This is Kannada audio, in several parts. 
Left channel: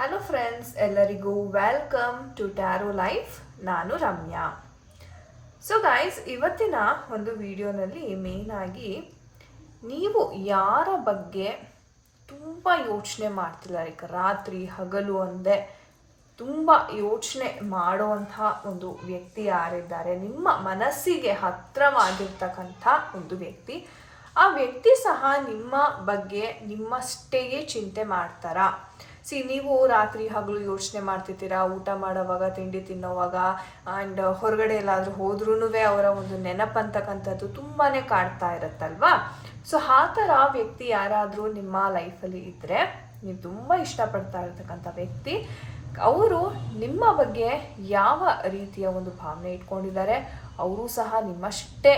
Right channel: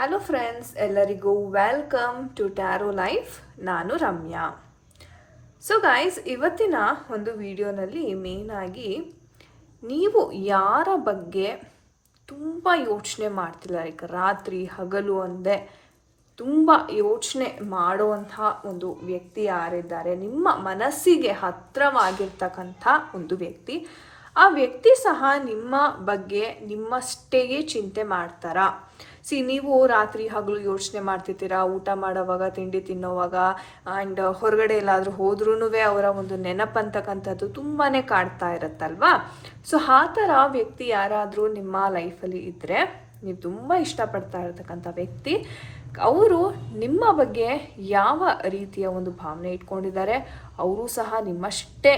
ಹಲೋ ಫ್ರೆಂಡ್ಸ್ ಎಲ್ಲರಿಗೂ ವೆಲ್ಕಮ್ ಟು ಟ್ಯಾರೋ ಲೈಫ್ ನಾನು ರಮ್ಯಾ. ಸೊ ಗೈಸ್ ಇವತ್ತಿನ ಒಂದು ವಿಡಿಯೋನಲ್ಲಿ ಮೇನ್ ಆಗಿ ನೀವು ಯಾರ ಬಗ್ಗೆ ತುಂಬ ಯೋಚನೆ ಮಾಡ್ತಿಲ್ಲ ಲೈಕ್ ರಾತ್ರಿ ಹಗಲು ಒಂದೇ ತುಂಬ ಯೋಚನೆ ಮಾಡುವಂತಹ ಒಂದು ವ್ಯಕ್ತಿ ಯಾರಿದ್ದಾರೆ? ನಿಮ್ಮ ಮನಸ್ಸಿಗೆ ಹತ್ರವಾಗಿರ್ತಕ್ಕಂಥ ಒಂದು ವ್ಯಕ್ತಿ. ಆ ವ್ಯಕ್ತಿ ಸಹ ನಿಮ್ಮ ಬಗ್ಗೆ ನಿಮ್ಮಷ್ಟೇ ಚಿಂತೆ ಮಾಡ್ತಾರಾ? ಸಿ ನೀವು ರಾತ್ರಿ ಹಗಲು ಯೋಚನೆ ಮಾಡ್ತಿರ್ತೀರಾ ಊಟ ಮಾಡೋವಾಗ, ತಿಂಡಿ ತಿನ್ನೋವಾಗ ಆ್ಯಂಡ್ ಹೊರಗಡೆ ಎಲ್ಲಾದರೂ ಹೋದ್ರೂ ಅವರ ಒಂದು ನೆನಪಂತಕ್ಕಂಥದ್ದು ತುಂಬಾ ಕಾಡ್ತಾ ಇರುತ್ತಲ್ವಾ? ಸೊ ಆ ಥರ ವ್ಯಕ್ತಿ ಯಾರಾದರೂ ನಿಮ್ಮ ಲೈಫಲ್ಲಿ ಇದ್ದರೆ ನೀವು ತುಂಬ ಇಷ್ಟಪಡ್ತಾ ಇರತಕ್ಕಂಥ ವ್ಯಕ್ತಿ. ಅವರು ನಿಮ್ಮ ಬಗ್ಗೆ ಯಾವ ರೀತಿಯ ಒಂದು ಭಾವನೆ ಇಟ್ಕೊಂಡಿದ್ದಾರೆ? ಅವರು ಸಹ ನಿಮ್ಮಷ್ಟೇ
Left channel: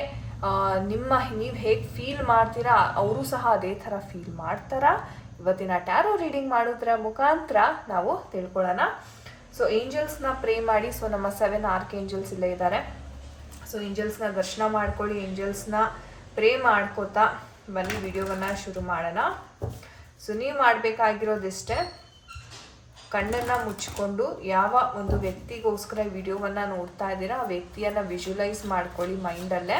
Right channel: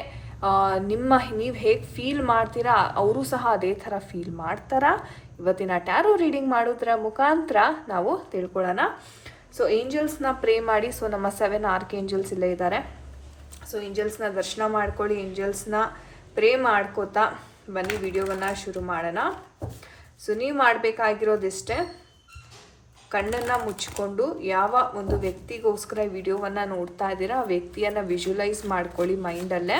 ನಿಮ್ಮ ನೀವು ಹೇಗೆ ಫೀಲ್ ಮಾಡ್ತೀರಾ? ಅವರು ಸಹ ಅದೇ ಥರ ಫೀಲ್ ಮಾಡ್ತಾರಾ? ಇವತ್ತಿನ ಟ್ಯಾರೋ ರೀಡಿಂಗ್ ಮಾಡೋದ್ರ ಮುಖಾಂತರ ನಾವು ತಿಳ್ಕೊಳ್ಳೋಣ. ಸೊ ಏಂಜಲ್ಸ್ನ ಪ್ರೇ ಮಾಡಿ ಸೊ ನಮ್ಮ ಸೆವೆನ್ ಆರ್ಕ್ ಏಂಜಲ್ಸ್ ಇಲ್ಲೇ ಇದ್ದಾರೆ. ಸೊ ಏಂಜಲ್ಸ್ನ ದರ್ಶನ ಮಾಡ್ಕೊಳ್ಳಿ ಏಂಜಲ್ಸ್ನ ಪ್ರೇ ಮಾಡ್ಕೋತಾ ಬನ್ನಿ, ವಿಡಿಯೋವನ್ನ ಶುರು ಮಾಡೋಣ. ಸೊ ನೀವು ಮಾಡಬೇಕಾಗಿರೋದಿಷ್ಟೇ, ಕಣ್ಣನ್ನ ಮುಚ್ಚಿಕೊಂಡು ಯಾವ ಒಂದು ವ್ಯಕ್ತಿಗೋಸ್ಕರ ವಿಡಿಯೋವನ್ನ ನೋಡ್ತಾ ಇದ್ದೀರಾ, ಆ ವ್ಯಕ್ತಿಯನ್ನ ವಿಜುವಲೈಸ್ ಮಾಡ್ಕೊಳ್ಳಿ ಮೈಂಡಲ್ಲೇ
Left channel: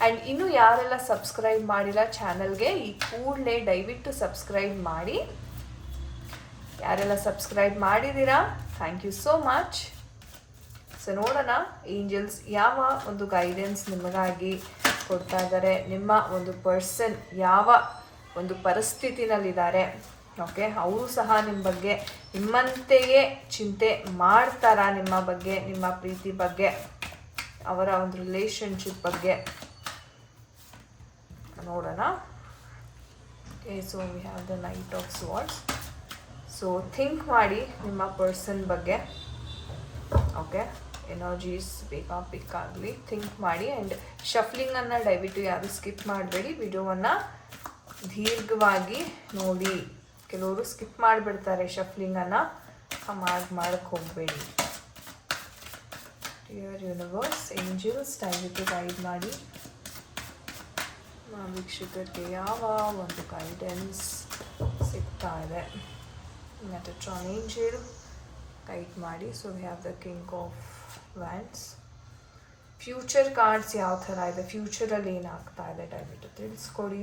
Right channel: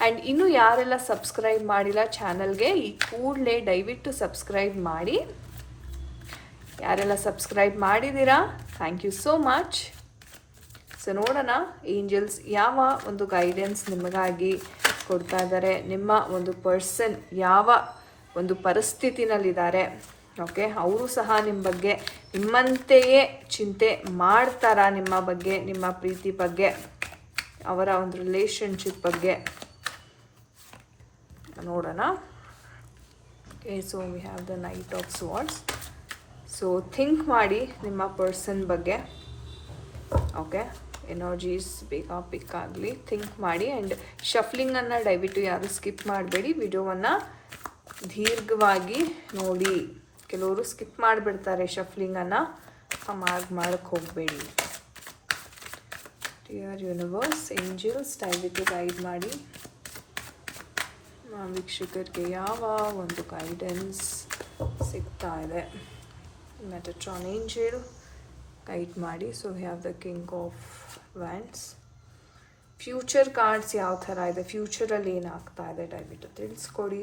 ಆ್ಯಂಡ್ ಇನ್ನೂ ಯಾರೆಲ್ಲ ಸಬ್ಸ್ಕ್ರೈಬ್ ಮಾಡಿಲ್ಲ ಚಾನಲ್ಗೆ, ಈ ಕೂಡಲೇ ದಯವಿಟ್ಟು ಸಬ್ಸ್ಕ್ರೈಬ್ ಮಾಡಿ. ಯಾರೆಲ್ಲ ಸಬ್ಸ್ಕ್ರೈಬ್ ಮಾಡಿದ್ದೀರಾ? Thank you so much so ನೋಡೋಣ ಏಂಜಲ್ಸ್ ಯಾವ ಒಂದು ಗೈಡೆನ್ಸ್ ನಿಮಗಾಗಿ ಕೊಡ್ತಾ ಇದ್ದಾರೆ, ನಿಮ್ಮ ಒಂದು ಪರ್ಸನ್ ಯಾವ ಒಂದು ಪರಿಸ್ಥಿತಿನಲ್ಲಿದ್ದಾರೆ. ಓಕೆ ಅವರು ಸಹ ನಿಮ್ಮ ಬಗ್ಗೆ ನಿಮ್ಮಂತೆಯೇ ಚಿಂತೆ ಮಾಡ್ತಾರಾ ನಿಮ್ಮ ಬಗ್ಗೆ, ನಿಮ್ಮ ಪ್ರೀತಿ ಬಗ್ಗೆ, ಅವರ ಒಂದು ರಿಲೇಷನ್ಶಿಪ್ ಬಗ್ಗೆ? ನೋಡೋಣ. Okay so we have the knight of swords so think ಮಾಡಿ ನಿಮ್ಮ ಪರ್ಸನ್ ಬಗ್ಗೆ. ಓಕೆ ಎನರ್ಜೀಸ್ ಬೇಗ ಪಿಕ್ ಆಗಲಿ. ಥಿಂಕ್ ಮಾಡಿ ಆ್ಯಂಡ್ ಶಫ್ಲಿಂಗನ್ನು ದಯವಿಟ್ಟು ಯಾರು ಸ್ಕಿಪ್ ಮಾಡಬೇಡಿ. ವಿಡಿಯೋವನ್ನು ದೀರ್ಘವಾಗಿ ನೋಡಿ. ಕೆಲವರು ಸ್ಕಿಪ್ ಮಾಡಿಬಿಡ್ತಾರೆ ಶಫ್ಲಿಂಗನ್ನು ಮಾಡಿ ಮಾಡಕ್ಕೆ ಹೋಗಬೇಡಿ. ಡಿಯರ್ ಯೂನಿವರ್ಸ್ ಏಂಜಲ್ಸ್ ದಯವಿಟ್ಟು ಗೈಡ್ ಮಾಡಿ. ಆ, ವೀಕ್ಷಕರಿಗೆ ಯಾವ ಒಂದು ಗೈಡೆನ್ಸ್ ಸಿಗ್ತಾ ಇದೆ ಮೆಟಟ್ರಾನ್ ಏಂಜಲ್ ಗೈಡ್ ಮಾಡಿ so we have the king of wands future cards ಯಾವ ಥರ ಇದೆ ಫ್ಯೂಚರಲ್ಲಿ ಏನಾಗ್ತಾ ಇದೆ ದಯವಿಟ್ಟು ತಿಳಿಸ್ಕೊಡಿ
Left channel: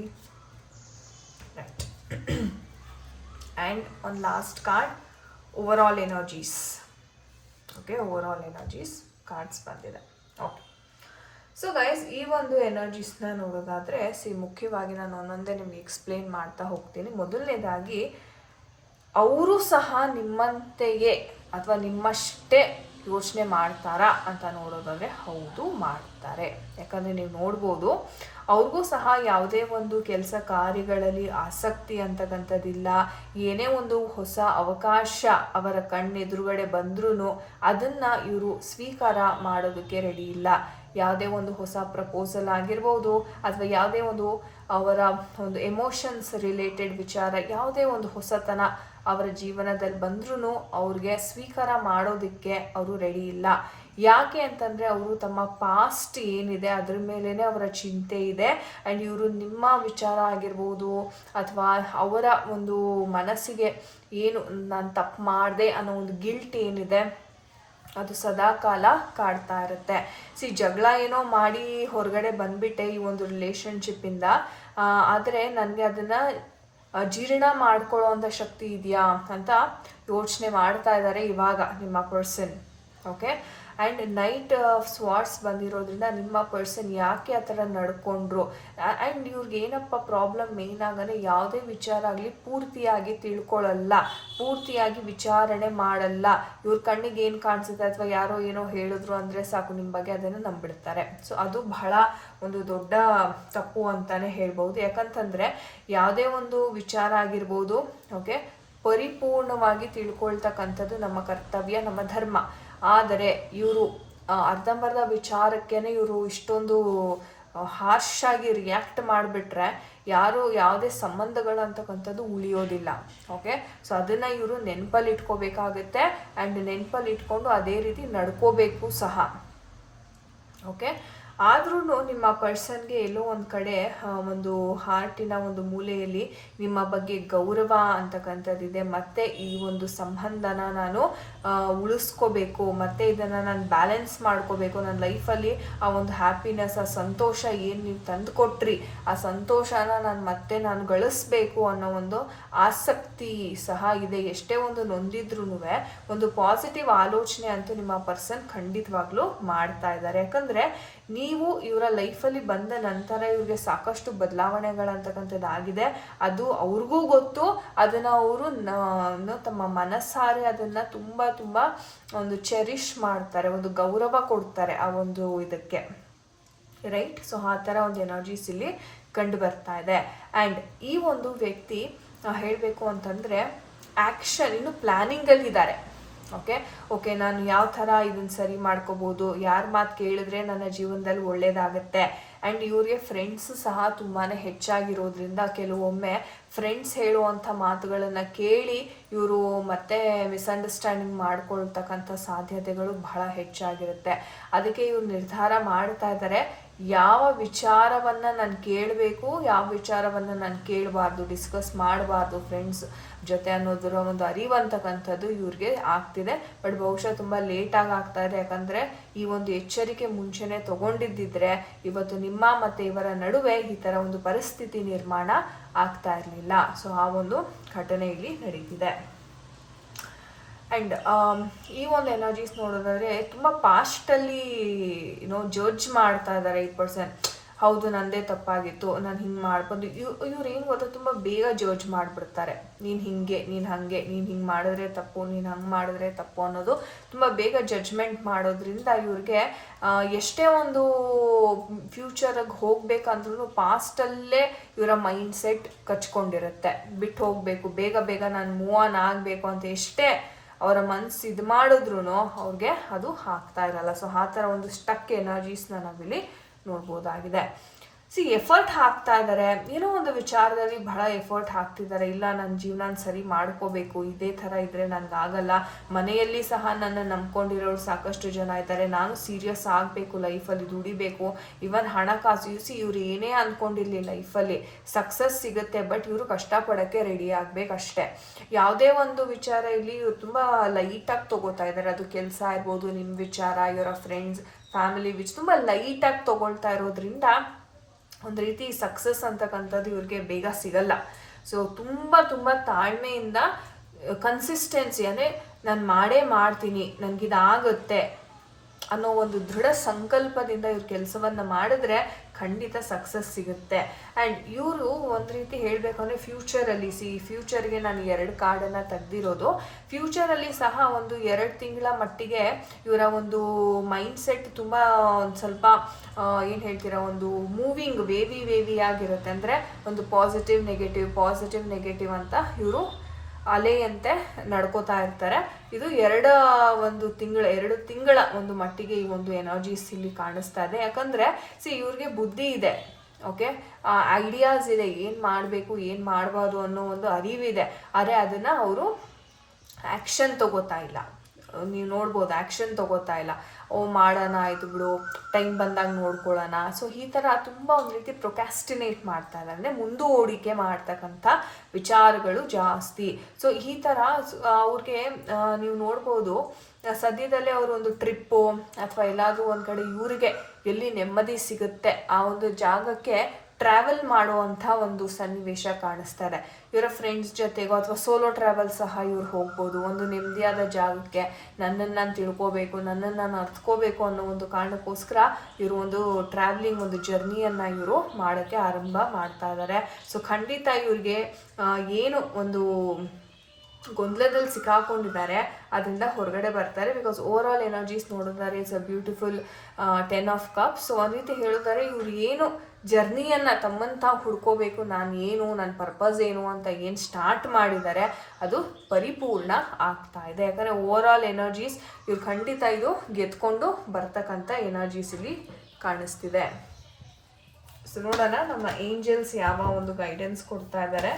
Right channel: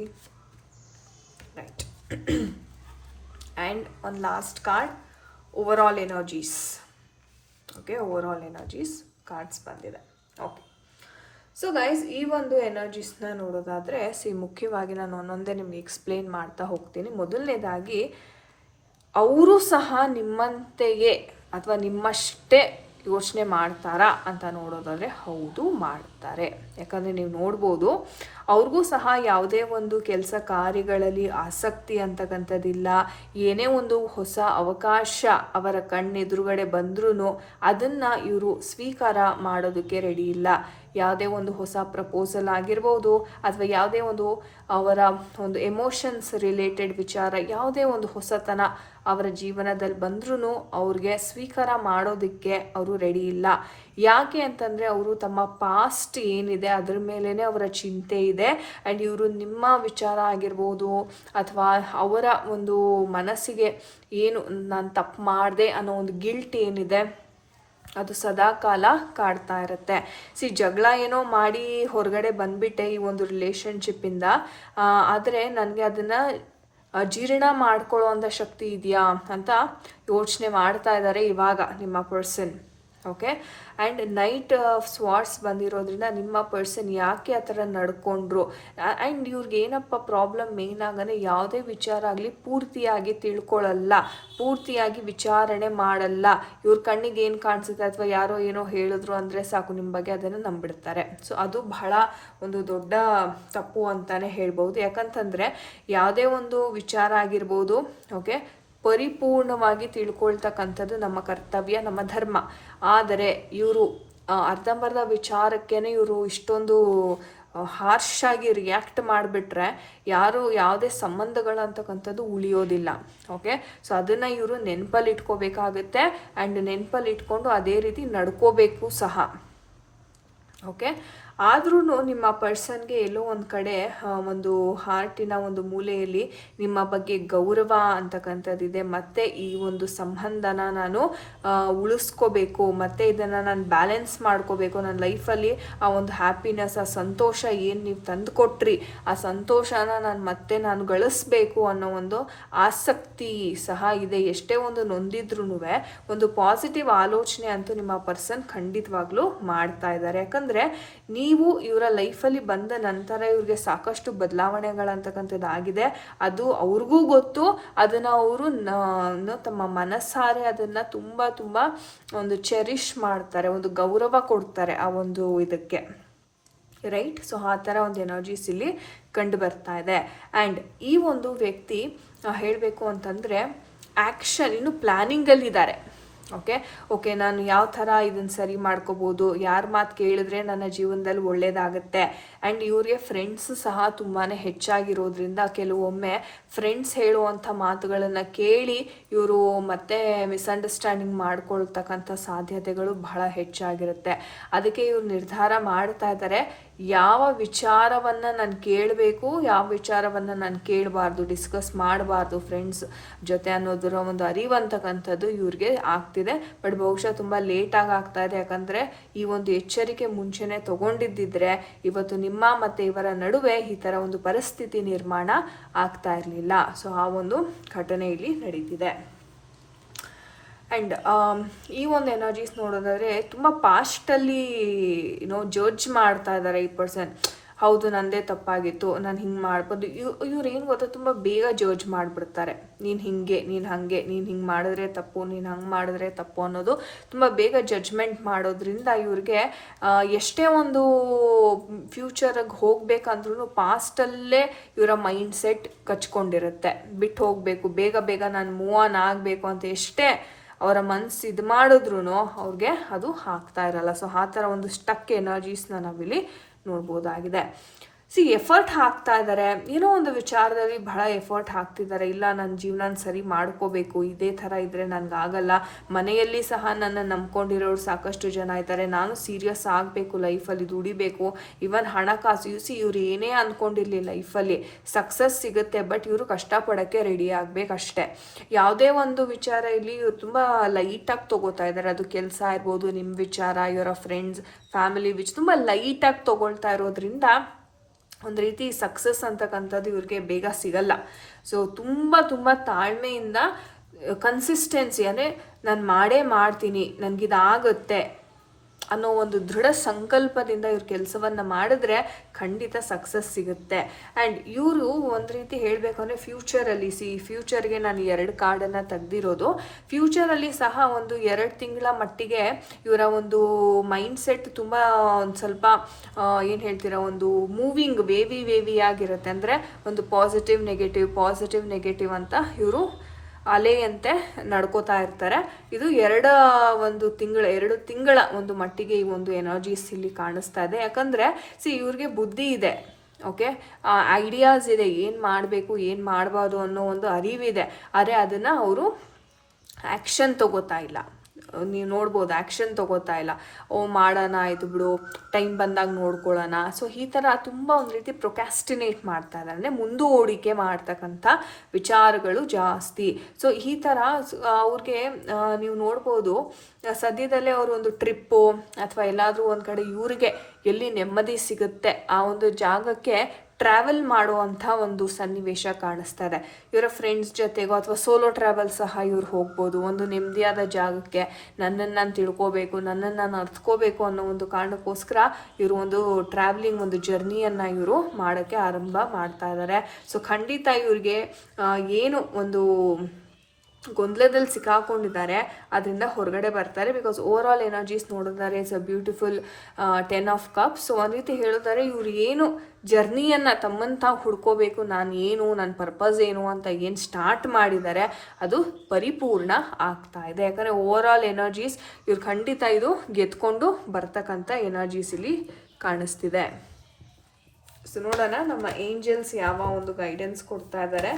right and one last card overall energies okay overall energies cards ಬಂದಿದೆ ಸೊ ಗೈಸ್ ಈ ಒಂದು ಎನರ್ಜೀಸ್ನ ನೋಡೋದಾದರೆ ಸಿ ಮುಖ್ಯವಾಗಿ ನಾನು ಒಂದೊಂದೇ ನಿಮಗೆ ಎಕ್ಸ್ಪ್ಲೇನ್ ಮಾಡ್ತಾ ಹೋಗ್ತೀನಿ. ಮೊದಲನೇದಾಗಿ, ಅವರು ಸಹ ನಿಮ್ಮಂತೆಯೇ, ಅಥವಾ ನಿಮ್ಮಷ್ಟೇ ಯೋಚನೆ ಮಾಡ್ತಾರಾ ಅಂತ ನೋಡೋದಾದ್ರೆ, ಹೌದು, ಮಾಡ್ತಾರೆ. ಯಾಕಂದ್ರೆ ನೀವು ನೋಡ್ಬೋದು, ಅವ್ರಿಗೂ ಸಹ ಯಾವುದೇ ಒಂದು ಕೆಲಸ ಕಾರ್ಯಗಳಲ್ಲಿ ಆಸಕ್ತಿ ಅಂತಕ್ಕಂಥದ್ದಿಲ್ಲ. ಏನೇ ಒಂದು ಹೊಸ ಅವಕಾಶ ಅವರ ಕಣ್ಣೆದುರುಗಡೆ ಬಂದ್ರೂ ಅದನ್ನ ಇವರು ಸ್ವೀಕಾರ ಮಾಡೋದಕ್ಕೆ ರೆಡಿ ಇಲ್ಲ. ಯಾವುದೇ ಒಂದು ಹೊಸ ಪ್ರಪೋಸಲ್ ಆಗಿರ್ಬೋದು, ಅಥವಾ ಯಾವುದೇ ಒಂದು ಅವರ ಒಂದು ಎಮೋಷನ್ಸ್ ರಿಲೇಟೆಡ್ ವಿಚಾರ, ಯಾವುದೇ ಒಂದು ಹೊಸತನ ಅವರ ಜೀವನದಲ್ಲಿ ಬಂದ್ರೂ ಅವ್ರಿಗೆ ಸ್ವೀಕಾರ ಮಾಡೋದಕ್ಕೆ ಅವರು ರೆಡಿ ಇಲ್ಲ. ಯಾಕೆ ಅಂತಂದ್ರೆ ಅವರು ತಮ್ಮ ಪಾಸ್ಟ್ ಏನಿದೆ ಅದ್ರ ಮೇಲೇ ಅವರ ಚಿಂತೆ ಇದೆ. ಆ್ಯಂಡ್ ಇವರು ನಿಮ್ಮ ವಿಚಾರ ಆಗಿರ್ಬೋದು ಅಥವಾ ಅವರ ಒಂದು ಮನಸ್ಸಿಗೆ ಏನು ನಾನು ತಪ್ಪು ಮಾಡಿದೆ ಅನ್ನೋ ಒಂದು ಗಿಲ್ಟ್ ಏನಿದೆ, ಅದು ಸದಾ ಕಾಲ ಕಾಡ್ತಾ ಇರುತ್ತೆ. ಸಿ ಜಗಳ ಏನೋ ಮಾಡಿ ಹೊರಗಡೆ ಬಂದ್ಬಿಟ್ಟೆ ಈ ಒಂದು ರಿಲೇಶನ್ಶಿಪ್ಪಿಂದ ಆದರೆ ನನಗೆ ಅದನ್ನ ಜೀರ್ಣ ಮಾಡ್ಕೊಳ್ಳೋ ಶಕ್ತಿ ಇದೆಯಾ ಅಂತ ಯೋಚನೆ ಮಾಡ್ತಾ ಇದ್ದಾರೆ ಇವಾಗ ನಿಮ್ಮ person okay and knight swords ಬಂದಿರೋದ್ರಿಂದ ನಿಮ್ಮ ಪರ್ಸನ್ ಯಾಕೆ ಆ ಥರ ನಡ್ಕೊಂಡ್ರು? ಆ್ಯಂಡ್ ಇವ್ರಿಗೆ ಏನಪ್ಪ ಪ್ರಾಬ್ಲಮ್ ಮೇನ್ ಆಗಂದ್ರೆ ಯಾವುದೇ ವಿಚಾರ ಆಗಲಿ ಪೂರ್ತಿಯಾಗಿ ತಿಳ್ಕೊಳ್ಳಲ್ಲ ಪೂರ್ತಿಯಾಗಿ ವಿಚಾರಣೆ ಮಾಡಲ್ಲ. ಇವ್ರ ಕಣ್ಣಿಗೆ ಏನು ಕಾಣಿಸುತ್ತೆ ಅಥವಾ ಯಾರೋ ಏನೋ ಹೇಳಿದ್ರು ಅಂದರೆ ಸಾಕು ನಿಮ್ಮ ಬಗ್ಗೆ ಅದನ್ನು ನಂಬಿಡ್ತಾರೆ. ಸೊ ಅದು ಬಹಳ ಒಂದು ದೊಡ್ಡ ತಪ್ಪು ಅಂತಲೇ ಹೇಳ್ಬೋದು ಯಾಕಂತಂದರೆ ಯಾವುದೇ ಒಂದು ವಿಚಾರ ಆಗಿರ್ಬೋದು ಓಕೆ ಪರಿಪೂರ್ಣವಾಗಿ ತಿಳ್ಕೊಳ್ತಕ್ಕಂಥದ್ದು ನಮ್ಮ ಕರ್ತವ್ಯ, ನಮ್ಮ ಧರ್ಮ. ಆದರೆ ಇವರು ಅರ್ಧಂಬರ್ಧ ವಿಚಾರಕ್ಕೇನೆ ಇವರು ಇಷ್ಟೊಂದು ಹಾರ್ಶ್ ಆಗಿ ರಿಯಾಕ್ಟ್ ಮಾಡಿಬಿಟ್ರೆ ಯಾರು ಯಾವುದೇ ಸಂಬಂಧಗಳಂತಕ್ಕಂಥದ್ದು ಉಳಿಯೋದಿಲ್ಲ ಓಕೆ ಸೊ ಅದನ್ನ ಇವರು ನೆನಪಲ್ಲಿ ಇಟ್ಕೋಬೇಕಾಗತ್ತೆ ಆ್ಯಂಡ್ ನೆನಪಲ್ಲಿ ಇಟ್ಕೊಂಡು ಅದೇ ರೀತಿ ನಡ್ಕೋಬೇಕು ಸಹ ಓಕೆ ಆದ್ರೂ ನಿಮ್ಮ ಪರ್ಸನ್ಗೆ ಎಲ್ಲೋ ಒಂದು ಕಡೆ ಒಂದು ಹಾರ್ಟಿನ ಒಂದು ಮೂಲೆಯಲ್ಲಿ ನಿಮ್ಮ ಬಗ್ಗೆ ಗೌರವ ಅಂತಕ್ಕಂಥದ್ದಿದೆ. ಮತ್ತೆ ಈ ಒಂದು ಸಂಬಂಧನ ನಾನು ಉಳಿಸ್ಕೊಬೇಕು, ಮತ್ತೆ ಇದನ್ನ ನಾನು ಬ್ಯಾಲೆನ್ಸ್ ಮಾಡ್ಕೋಬೇಕು. ನನ್ನ ಲೈಫಲ್ಲಿ ಆ ಒಂದು ಹ್ಯಾಪಿನೆಸ್ ಆ ಸಂತೋಷ ಏನು ನೀವು ತಂದು ಕೊಟ್ರಿ ಆ ಸಂತೋಷನ ನಾನು ಮತ್ತೆ ನಾನು ಗಳಿಸ್ಬೇಕು ಅನ್ನೋ ಒಂದು ಆಸಕ್ತಿ ಸಹ ಇದೆ. ಎಷ್ಟೇ ಒಂದು ನೊಂದಿದ್ರು ಒಂದು ಪಾಸಿಟಿವ್ ಆಲೋಚನೆ ಅಂತೂ ನಿಮ್ಮ ಪರ್ಸನ್ ಖಂಡಿತವಾಗ್ಲೂ ಮಾಡ್ತಾ ಇದ್ದಾರೆ. ಯಾಕಂದ್ರೆ ನೀವು ಇವರ ಲೈಫಲ್ಲಿ ಬಂದ ನಂತರ ಇವ್ರಿಗೆ ಸಾಕಷ್ಟು ಬದಲಾವಣೆಗಳಂತಕ್ಕಂಥದ್ದು ಆಗಿದೆ ಅದು ಅವ್ರಿಗೂ ಗೊತ್ತು, ಅದನ್ನ ಅವರು ತಮ್ಮ ಮನಸ್ಸಾರೆ ಅದನ್ನ ತುಂಬ ತುಂಬ ಒಂದು ಚೆರಿಶ್ ಮಾಡ್ತಾರೆ, ಒಂದು ಗೌರವ ಕೊಡ್ತಾರೆ ಆ ಒಂದು ಇದಕ್ಕೆ. ರೈಟ್ ಸೊ ಆ ಥರ ಒಂದು ಎನರ್ಜೀಸ್ ಇಲ್ಲಿ ಕಂಡು ಬರ್ತಾ ಇದೆ. ಆ್ಯಂಡ್ ಈ ಒಂದು ವ್ಯಕ್ತಿ ಹೇಳಬೇಕು ಅಂತಂದರೆ ಆ್ಯಕ್ಷನ್ ಇನ್ನು ಪ್ಲ್ಯಾನಿಂಗಲ್ಲಿದ್ದಾರೆ ಓಕೆ? ಓಕೆ, ನಾನು ಯಾವ ಥರ ಇದನ್ನು ಸರಿ ಮಾಡ್ಕೋಬೋದು? ಯಾರ ಮಾತು ಕೇಳಿದ್ರೆ ನನ್ನ ಜೀವನದಲ್ಲಿ ಒಳ್ಳೇದಾಗುತ್ತೆ. ಆ್ಯಂಡ್ ಇವರಿಗೆ ಫ್ರೆಂಡ್ಸ್ ಸಹ ತುಂಬಾ ಹೆಚ್ಚಾಗಿರೋದ್ರಿಂದ ಕೆಲವೊಮ್ಮೆ ಫ್ರೆಂಡ್ಸ್ ಹೇಳುವಂಥ ಮಾತುಗಳನ್ನು ಕೇಳಿ ಇವರು ಮತ್ತೆ ಮಿಸ್ಅಂಡರ್ಸ್ಟ್ಯಾಂಡಿಂಗ್ ಮಾಡ್ಕೊಳ್ತಕ್ಕಂಥ ಸಾಧ್ಯತೆಗಳು ಬಹಳ ಹೆಚ್ಚಾಗಿರುತ್ತೆ. ಅದಕ್ಕೆ ಇವ್ರು ನಿರ್ಧಾರ ಮಾಡ್ತಾ ಇದ್ದಾರೆ ಯಾವ ವಿಚಾರವನ್ನ ನಾನು ಕೇಳಬೇಕು, ಯಾವ ವಿಚಾರವನ್ನ ನಾನು ಕೇಳಬಾರ್ದು ಡಿಸ್ಕಸ್ ಮಾಡಬಾರ್ದು ಫ್ರೆಂಡ್ಸ್ ಜೊತೆ ಅನ್ನೋದರ ಒಂದು ಅರಿವು ಅಂತಕ್ಕಂಥದ್ದು ಇವ್ರಿಗೆ ಆಗ್ತಿದೆ. ಬಟ್ ಬಹುಶಃ ತುಂಬ ಲೇಟ್ ಆಗಿ ಆಗ್ತಾ ಇದೆ. ಯಾಕಂದ್ರೆ ಈ ಒಂದು ಎಚ್ಚರಿಕೆ ಮುಂಚೆನೆ ತಗೊಂಡಿದ್ದಿದ್ರೆ ಇವತ್ತು ನಿಮ್ಮ ಮತ್ತೆ ಇವರ ನಡುವೆ ಈ ಥರ ಒಂದು ಪರಿಸ್ಥಿತಿ ನಿರ್ಮಾಣ ಆಗ್ತಾ ಇರಲಿಲ್ಲ. ಸೊ ಆ ಒಂದು ಘಟನೆ ಇಲ್ಲಿ ನಡೀತಿದೆ. ಆ್ಯಂಡ್ ಈ ಒಂದು ಎನರ್ಜೀಸ್ ನೋಡೋದಾದ್ರೆ ತುಂಬ ಪಾಸ್ಟಲ್ಲಿ ಏನೋ ಜಡ್ಜ್ ಮಾಡ್ತಾ ಇದ್ದಾರೆ ಈ ಪರ್ಸನ್ ಹೌದು, ನಂದೇ ತಪ್ಪಾಗಿತ್ತು, ನಾನು ಹಿಂಗೆ ಮಾಡ್ಬೋದು ಇವ್, ಇವ್ರು ಏನು ಗೊತ್ತಾ, ತುಂಬ ಬೇಗ ಜಡ್ಜ್ ಮಾಡಿಬಿಡ್ತಾರೆ. ನೀನು ಹಿಂಗೆ, ನೀನು ಹಾಗೆ, ನೀನು ಹಿಂಗೆ ಮಾಡಿದ್ರೆ ತಪ್ಪು, ನೀನು ಹಂಗೆ ಮಾಡಿದ್ರೆ ತಪ್ಪು ಅನ್ನೋದು ತುಂಬ ಬೇಗ ಜಡ್ಜ್ಮೆಂಟ್ ಮಾಡೋದ್ರಿಂದ ಇವ್ರಿಗೆ ಎಷ್ಟೇ ಒಂದು ಫ್ಯೂಚರಿಗೆ ಹೋಗ್ಬೇಕಂದ್ರೂ ಪಾಸ್ಟಲ್ಲೇ ಇವರ ಮೈಂಡ್ ಸೆಟ್ ಕಚ್ಕೊಂಡಿರುತ್ತೆ. ಬಿಟ್ಟು ಹೋಗಬೇಕು, ಬೇಗ ಬೇಗ ನಾನು ಮೂವ್ ಆನ್ ಆಗಬೇಕು ಅಂತ ಎಷ್ಟೇ ಅವರ ಮನಸ್ಸು ಇದು ಮಾಡಿದ್ರು ಅವ್ರಿಗೆ ಅದು ಹಾಕ್ತಾ ಇರಲ್ಲ. ಸೊ ಆ ಥರ ಒಂದು ಸ್ಟಕ್ ಎನರ್ಜೀಸ್ನ ನಾವಿಲ್ಲಿ ನೋಡ್ಬೋದಾಗಿದೆ. ಸಿ ಎಫರ್ಟ್ ಹಾಕ್ತಾ ಇದ್ದಾರೆ ಏನೋ ಒಂದು ವಿಚಾರದಲ್ಲಿ ಬಹಳ ಎಫರ್ಟ್ ಹಾಕ್ತಿದ್ದಾರೆ ಇಲ್ಲ ನನ್ನ ಜೀವನ ಸರಿ ಮಾಡ್ಕೋಬೇಕು. ಇದೇ ಥರ ಇದ್ರೆ ನನಗಾಗಲ್ಲ ಮನೆಯಲ್ಲಿ ಸಹ ನನ್ನ ನಂಬ್ಕೊಂಡಿರೋರು ಸಾಕಷ್ಟು ಜನ ಇದ್ದಾರೆ. ನಾನು ಸೀರಿಯಸ್ ಆಗಬೇಕು ಲೈಫಲ್ಲಿ ದುಡಿಬೇಕು. ಇವನ್ ಹಣಕಾಸು ಸಿ ಇವ್ರು ಏನೇ ಅಂದ್ಕೊಂಡಿರಲಿ ಲೈಫಲ್ಲಿ ಸಕ್ಸಸ್ ಸಿಗುತ್ತೆ ಬಟ್ ಇವರು ಕಷ್ಟಪಡೋಕ್ಕೆ ರೆಡಿ ಆಗಬೇಕಷ್ಟೇ ಯಾವುದೇ ಒಂದು ವಿಚಾರ ಇಲ್ಲಿ ಇವ್ರು ತುಂಬ ಲೈಟಾಗಿ ತಗೋತಾ ಇದ್ದಾರೆ ಅದು ಕೆಲಸ ಇರ್ಬೋದು ನಿಮ್ಮ ವಿಚಾರ ಇವರ ಫ್ರೆಂಡ್ಸ್ ಫ್ಯಾಮಿಲಿ ವಿಚ್ ತುಂಬ ಲೈಟಾಗಿ ತಗೊಳ್ತಾ ಇರೋದ್ರಿಂದ ಒಂದು ರೀತಿ ಸಕ್ಸಸ್ ಅಂತಕ್ಕಂಥದ್ದು ಇವ್ರಿಗೆ ಬೇಗ ಸಿಗಲ್ಲ. ಸೊ ತುಂಬ ತುಂಬ ತಾಳ್ಮೆಯಿಂದ ಕನ್ಸಿಸ್ಟೆನ್ಸಿ ಅಂದರೆ ನಾನು ಮಾಡೇ ಮಾಡ್ತೀನಿ, ನನಗಿದಾಗುತ್ತೆ. ಅನ್ನೋ ಒಂದು ದೃಢ ಸಂಕಲ್ಪದಿಂದ ಇವ್ರ ಕೆಲಸವನ್ನ ಮಾಡಿದ್ರೆ ಖಂಡಿತ ಸಕ್ಸಸ್ ಸಿಗುತ್ತೆ. ಆ್ಯಂಡ್ ಇವರು ಒಂದು ರೀತಿ ಹೇಳಬೇಕಂದ್ರೆ ಫ್ಯೂಚರಲ್ಲಿ ಸಿ ಫ್ಯೂಚರ್ಗೆ ನಾನು ಎರಡು ಕಾರ್ಡನ್ನು ತೆಗೆದಿರೋದು. ಫ್ಯೂಚರಲ್ಲಿ ಸಹ ಒಂದು ಎರಡು ತಿಂಗಳ ಮಟ್ಟಿಗೆ ಇವರ ಒಂದು ಮೈಂಡ್ ಸೆಟ್ ತುಂಬ ಒಂದು ಸ್ವಲ್ಪ ಏನು ಹೇಳ್ತೀರಾ, ಒಂದು ಮೂವಿಂಗ್ ವೇವಿ ವೇವಿ ಆಗಿರುತ್ತೆ. ಅಂದರೆ ಒಂದು ಪಾಸಿಟಿವ್ ನೆಗೆಟಿವ್ ಪಾಸಿಟಿವ್ ನೆಗೆಟಿವ್ ಅಂತ ಇವರು ಅಲೆಯಂತೆ ನಡ್ಕೋತಾ ಇರ್ತಾರೆ. ಇದು ಎರಡ ಒಂದು ತಿಂಗಳ, ಎರಡು ತಿಂಗಳ ಒಂದು ಮಟ್ಟಿಗೆ ಈ ಒಂದು ಎನರ್ಜೀಸ್ ಇಲ್ಲಿ ಕಾಣಿಸ್ತಾ ಇದೆ. ಯಾಕಂದ್ರೆ ಸಿ ಇವ್ರಿಗೆ ಬುದ್ಧಿ ಇದೆ ಓಕೆ ಐಡಿಯಾಸ್ ಇದೆ, ಏನು ಮಾಡಬೇಕು, ಏನು ಮಾಡಬಾರ್ದು ಅನ್ನೋ ಒಂದು ಅರಿವಿದೆ. ಆದರೆ ಅದನ್ನ ಅವರು ಆ್ಯಕ್ಷನ್ ತಗೋತಾ ಇಲ್ಲ. ನೀವು ನೋಡ್ಬೋದು ಆ್ಯಕ್ಷನ್ ತಗೋತಾ ಇಲ್ಲ. ಓ, ಮಾಡೋಣ, ಇದು ಬಿಡು ಟೈಮ್ ಬಂದಾಗ ನೋಡ್ಕೊಳ್ಳೋಣ. ಸೊ ಈ ಥರ ತುಂಬ ಒಂದು ರೀತಿ ಪ್ರೊಕ್ಯಾಸ್ಟಿನೇಟ್ ಮಾಡ್ತಾರೆ. ಅಂದರೆ ಮುಂದೂಡಿಕೆ ಮಾಡ್ತಕ್ಕಂಥ ವಿಚಾರಗಳು ಜಾಸ್ತಿ. ಸೊ ಈ ಥರ ಅವ್ರಿಗೆ ನೀವು ನೋಡ್ಬೋದು, ಸದ್ಯದಲ್ಲೇ ಅವರು ಒಂದು ಟ್ರಿಪ್ಪು ಅಥವಾ ಎಲ್ಲಾದರೂ ಒಂದು ಕಡೆ ಇವ್ರಿಗೆ ಎಲ್ಲಿ ನೆಮ್ಮದಿ ಸಿಗುತ್ತೆ ಆ ಒಂದು ಜಾಗಕ್ಕೆ ಟ್ರಾವೆಲ್ ಮಾಡುವಂಥ ಒಂದು ಸನ್ನಿವೇಶ ಕಾಣಿಸ್ತಾ ಇದೆ ಇವರ ಫ್ರೆಂಡ್ಸ್ ಜೊತೆಗೋ ಅಥವಾ ಸೋಲೋ ಟ್ರಾವೆಲ್ ಸಹ ಇವ್ರು ಹೋಗ್ಬೋದು. ಒಂದು ನೆಮ್ಮದಿಯಾದ ಜಾಗಕ್ಕೆ ನನ್ನನ್ನು ನಾನು ತಿಳ್ಕೋಬೇಕು, ನನ್ನನ್ನು ನಾನು ಅರ್ಥಕೋಬೇಕು ಅನ್ನೋ ಒಂದು ಕಾರಣಕ್ಕೋಸ್ಕರ ಇವರು ಒಂದು ಟ್ರಾವೆಲಿಂಗ್ ಒಂದು ಜರ್ನಿಯನ್ನು ಇವರು ಮಾಡೋಕ್ಕೆ ಆರಂಭ ಮಾಡ್ತಾ ಇದ್ದಾರೆ ಸೊ ಖಂಡಿತ ಇವ್ರಿಗೆ ಏನು ಒಂದು ಗೊಂದಲದಲ್ಲಿ ಸಿಕ್ಕಾಕೊಂಡಿದ್ದಾರೆ, ಅದರಿಂದ ಹೊರಗಡೆ ಬರ್ತಾರೆ. ಬಿಕಾಸ್ ಓವರ್ ಆಲ್ ಎನರ್ಜೀಸ್ ನೋಡಿದ್ದಾರೆ it's a beautiful ten of cup so ಅದೇ ರೀತಿ ಹೇಳಿದ್ದಾರೆ ಇವ್ರು ಏನು ಜರ್ನಿಯನ್ನು ತಮ್ಮಂತ ಹುಡ್ಕೋಬೇಕು, ನಾನು ಏನು ನನ್ನ ಪರ್ಪಸ್ ಏನು ಅಂತ ಏನು ಸ್ಟಾರ್ಟ್ ಮಾಡಿದ್ದಾರೆ ಅದು ಪರಿಪೂರ್ಣ ಆಗ್ತಾ ಇದೆ. ಯಾಕಂದರೆ ಓವರ್ ಆಲ್ ಎನರ್ಜೀಸ್ ಇವ್ರು ಖಂಡಿತ ಇದು ಗೆದ್ಕೊಂಡು ಬರ್ತಕ್ಕಂಥ ಎನರ್ಜೀಸ್ ಇಲ್ಲಿ ಕಾಣಿಸ್ತಿದೆ. ಸೊ ನೋಡೋಣ ನಮ್ಮ ಏಂಜಲ್ಸ್ ಯಾವ ಒಂದು ಗೈಡೆನ್ಸ್ ಕೊಡ್ತಾ ಇದ್ದಾರೆ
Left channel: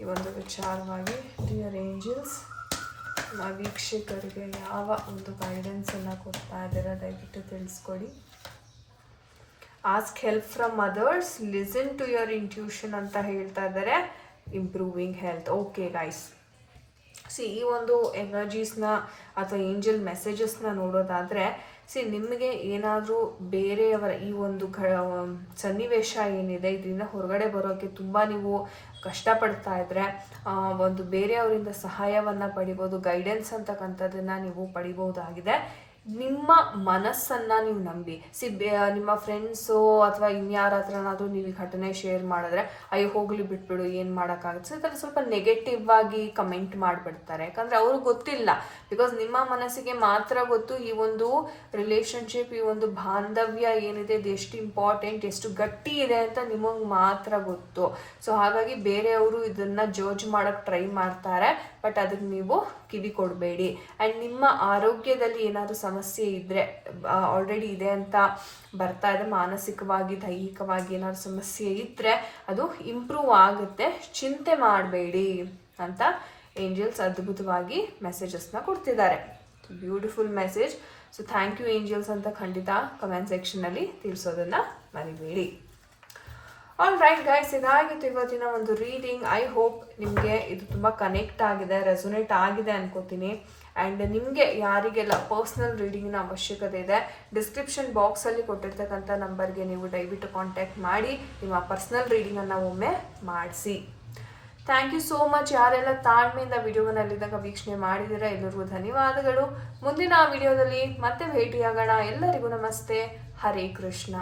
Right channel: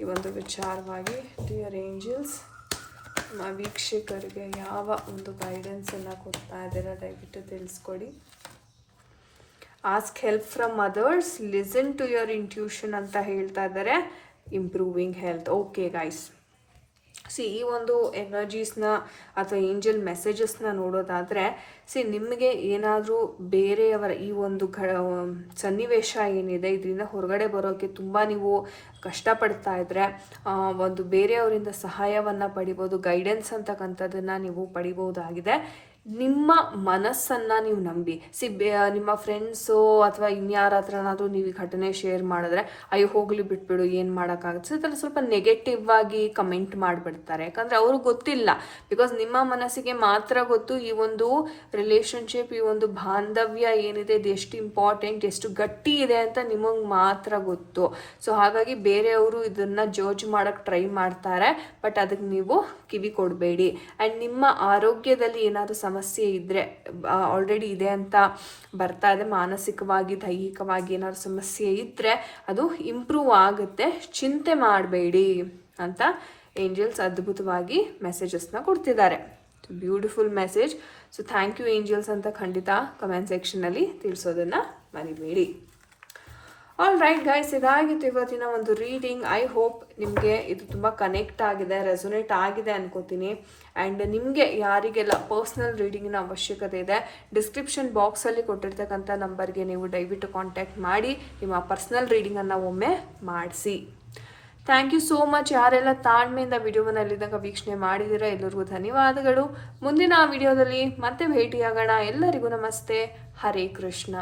ಈ ಒಂದು ವಿಚಾರವಾಗಿ ಡಿಯರ್ ಏಂಜಲ್ಸ್ ನಮ್ಮ ವೀಕ್ಷಕರಿಗೆ ಯಾವ ಒಂದು ಗೈಡೆನ್ಸನ್ನು ಕೊಡ್ತಾ ಇದ್ದಾರೆ ದಯವಿಟ್ಟು ತಿಳಿಸ್ಕೊಡಿ. Ask help from others listen to your intuition ಅಂತ ಹೇಳ್ತಾ ಇದ್ದಾರೆ. Improving health okay guys see ಈ ಒಂದು ಎನರ್ಜೀಸ್ನ ಅಥವಾ ಏಂಜಲ್ ಮೆಸೇಜಸ್ನ ನೋಡೋದಾದರೆ ಸಿ ನಿಮಗೆ ಏನಾದರೂ ಬೇರೆಯವರ ಈ ಒಂದು ಘ ಸನ್ನಿವೇಶ ಏನಿದೆ, ಇದರಿಂದ ಹೊರಗಡೆ ಬರೋಕ್ಕೆ ತುಂಬ ನೀವು ಕಷ್ಟಪಡ್ತಾ ಇದ್ದರೆ ಒಂದು ಬೇರೆಯವರಿಂದ ಸಹಾಯವನ್ನು ಪಡಿಬೋದು ಗೈಡೆನ್ಸ್ ಅಂತಕ್ಕಂಥದ್ದನ್ನು ನೀವು ಪಡಿಬಹುದಾಗಿದೆ ನಿಮ್ಮ ಮನಸ್ಸನ್ನ ನೀವು ನಂಬಿ. ಸಿ ನಿಮ್ಮ ಫ್ರೆಂಡ್ಸು ಅಥವಾ ಇನ್ಯಾರ ಹತ್ರನಾದ್ರೂ ನೀವು ಈ ಘಟನೆ ಶೇರ್ ಮಾಡಿದ್ರೆ, ಅಯ್ಯೋ, ಹೋಗ್ಲಿ ಬಿಟ್ಬಿಡು, ಏನು ಮಾಡೋಕ್ಕಾಗುತ್ತೆ? ಸೊ ಸ್ವಲ್ಪ ನೆಗೆಟಿವ್ ಆಗಿ ಕಮೆಂಟ್ ಮಾಡಿಬಿಡ್ತಾರೆ. ಯಾಕಂದ್ರೆ ಅವ್ರಿಗೆ ಗೊತ್ತಿಲ್ಲ. ಬಿಕಾಸ್ ನಿಮ್ಮ ಮನಸ್ಸಿಗೆ ಮಾತ್ರ ಗೊತ್ತು ಈ ಒಂದು ರಿಲೇಶನ್ಶಿಪ್ ಈ ಒಂದು ಬಾಂಧವ್ಯ ಏನಿದೆ, ಇದು ಎಷ್ಟು ಇಂಪಾರ್ಟೆಂಟ್ ಎಷ್ಟು ಗಟ್ಟಿ ಇದೆ ಅಂತ ನಿಮಗೆ ಮಾತ್ರ ಗೊತ್ತು. ಸೊ ಹಾಗಾಗಿ ಬೇರೆಯವರು ಇದನ್ನ ಜಡ್ಜ್ ಮಾಡಕ್ ಟ್ರೈ ಮಾಡ್ತಾರೆ ಬಟ್ ಅದಕ್ಕೆ ನೀವು ಕಿವಿ ಕೊಡಬೇಡಿ ಆ್ಯಂಡ್ ನಿಮ್ಮ ಆರೋಗ್ಯದಲ್ಲಿ ಏನಾದರೂ ಸಮಸ್ಯೆ ಇದ್ದರೆ ಆಲ್ರೆಡಿ ಇದೆ ಅಂತ ಬರ್ತಾ ಇದೆ, ಮಾನಸಿಕವಾಗಿ, ದೈಹಿಕವಾಗಿ ಏನಾದ್ರು ಸಮಸ್ಯೆ ಇದ್ದರೆ ಅದು ಇಂಪ್ರೂವ್ ಆಗುತ್ತೆ. ಚಿಂತೆ ಮಾಡಬೇಡಿ ಅಂತ ಏಂಜಲ್ಸ್ ಅದ್ಭುತವಾಗಿ ಮೆಸೇಜಸ್ನ ಕೊಡ್ತಿದ್ದಾರೆ. Beautiful message so thank you angels ಅಂತ ಖಂಡಿತ ಕಮೆಂಟ್ ಸೆಕ್ಷನಲ್ಲಿ ತಿಳಿಸೋದನ್ನ ಮರಿಬೇಡಿ. ಆಲ್ ರೈಟ್ ಗೈಸ್ ಇದಾಗಿತ್ತು ಇವತ್ತಿನ ಒಂದು ರೀಡಿಂಗ್ ಐ ಹೋಪ್ ನಿಮಗೆ ಇದು ತುಂಬ ಕನೆಕ್ಟ್ ಆಗಿದೆ ರೆಸೊನೇಟ್ ಆಗಿದೆ ಅನ್ಕೋತೀನಿ. ಆ್ಯಂಡ್ ನಿಮಗೆ ಯಾರಿಗೆಲ್ಲ ಪರ್ಸ್ನಲ್ ರೀಡಿಂಗಿನ ಅವಶ್ಯಕತೆ ಇದೆ ಡಿಸ್ಕ್ರಿಪ್ಷನ್ ಬಾಕ್ಸಲ್ಲಿ ಕೊಟ್ಟಿರ್ತಕ್ಕಂಥ ನಂಬರ್ಗೆ ನೀವು ದಯವಿಟ್ಟು ಕಾಂಟ್ಯಾಕ್ಟ್ ಮಾಡಿ, ನಿಮ್ಮ ಪರ್ಸ್ನಲ್ ರೀಡಿಂಗನ್ನು ಒಮ್ಮೆ ಮಾಡಿಸಿ. ಥ್ಯಾಂಕ್ ಯು ಸೋ ಮಚ್ ಯಾರೆಲ್ಲ ತಾಳ್ಮೆಯಿಂದ ವಿಡಿಯೋವನ್ನು ಅಲ್ಲಿದ್ದಾಗ ವೀಕ್ಷಣೆ ಮಾಡಿದಿರೋ ಎಲ್ಲರಿಗೂ ಧನ್ಯವಾದಗಳು. ಮುಂದಿನ ವಿಡಿಯೋದಲ್ಲಿ ಮತ್ತೆ ಭೇಟಿಯಾಗೋಣ. ಎಲ್ಲರಿಗೂ ನಮಸ್ತೆ. ಹರೇ ಕೃಷ್ಣ.